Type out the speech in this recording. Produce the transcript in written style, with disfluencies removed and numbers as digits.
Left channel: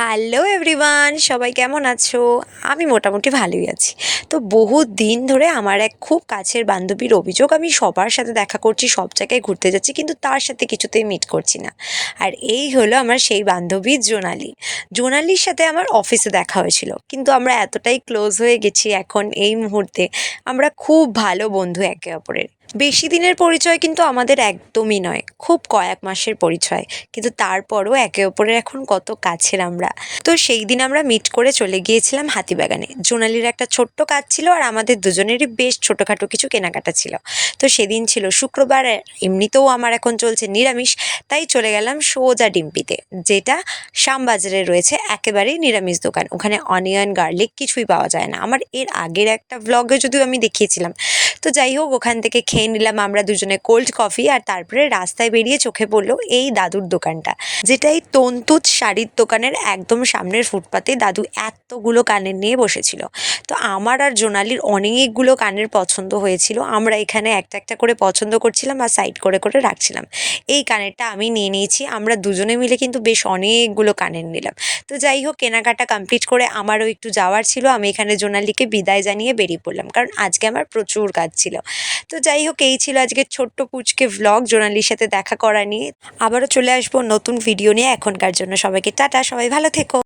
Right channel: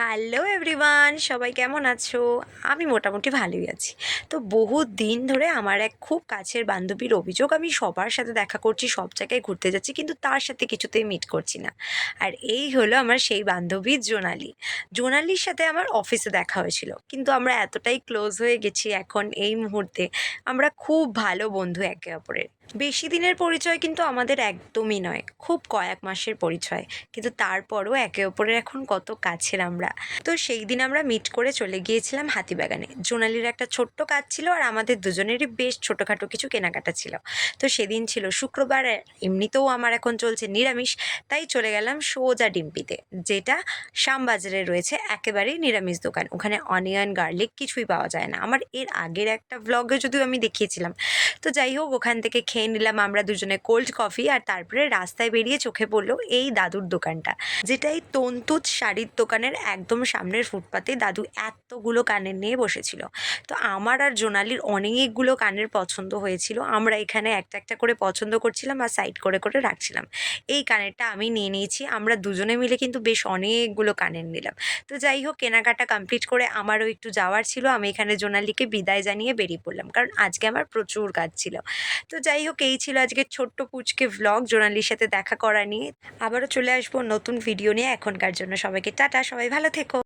Hello everyone, সবাই কেমন আছো? আমি মোটামুটি ভালোই আছি। তো বহুত দিন ধরে আমার এক খুব কাছের বান্ধবীর অভিযোগ, আমি সবার সাথে দেখা করছি, সব জায়গায় ঘুরতে যাচ্ছি, কিন্তু তার সাথে কিছুতেই মিট করছি না। আর এই হলো আমার সেই বান্ধবী জোনালি। জোনালির সাথে আমার অফিসে দেখা হয়েছিল, কিন্তু আমরা এতটাই ক্লোজ হয়ে গেছি এখন এই মুহূর্তে, আমরা খুব ভালো বন্ধু একে অপরের। বেশি দিনের পরিচয় কিন্তু আমাদের একদমই নয়, খুব কয়েক মাসের পরিচয়, কিন্তু তারপরও একে অপরের এখন কত কাছের আমরা। তো সেই দিন আমরা মিট করে চলে গিয়েছিলাম হাতিবাগানে। জোনালির একটা ছোট্ট কাজ ছিল, আর আমাদের দুজনেরই বেশ ছোটোখাটো কিছু কেনাকাটা ছিল। তো সেদিন ছিল শুক্রবার, আর এমনিতেও আমার এখন চলছে নিরামিষ, তাই চলে গেলাম সোজা ডিম্পিতে, যেটা শ্যামবাজারে রয়েছে একেবারেই নিরামিষ দোকান। ওখানে অনিয়ন গার্লিক কিছুই পাওয়া যায় না, আমার এর আগের একটা ভ্লগে যদিও আমি দেখিয়েছিলাম। তো যাই হোক, ওখান থেকে খেয়ে নিলাম আমরা দুজনে কোল্ড কফি, আর তারপরে রাস্তায় বেরিয়ে চোখে পড়লো এই দাদুর দোকানটা, যেটা এই তন্তুজ শাড়ির দোকানের একদম সামনের ফুটপাতে দাদু এতগুলো কানের নিয়ে বসেছিল। তো আমার আর জোনালির অনেকগুলো কানের পছন্দ হয়েছিল, আমরা এখানে একটা একটা করে পছন্দ করছিলাম আর সাইড করে করে রাখছিলাম। এই কানেরটা আমি নিয়ে নিয়েছি, আমরা দুজনে মিলে কিন্তু বেশ অনেকগুলো কানের নিলাম। তো যাই হোক, কেনাকাটা কমপ্লিট করে আমারও একটু যাওয়ার ছিল, আমি এখানে জোনালিকে বিদায় জানিয়ে বেরিয়ে পড়লাম, কারণ আজকে আমার প্রচুর কাজ ছিল। তো যাই হোক, এই ছিল আজকের ছোট্ট পুচকে ভ্লগ জোনালির সাথে দেখা করা নিয়ে। আবারও চলে আসবো নতুন ভিডিও নিয়ে। এখনকার জন্য সবাইকে টাটা, সবাই ভালো থেকো।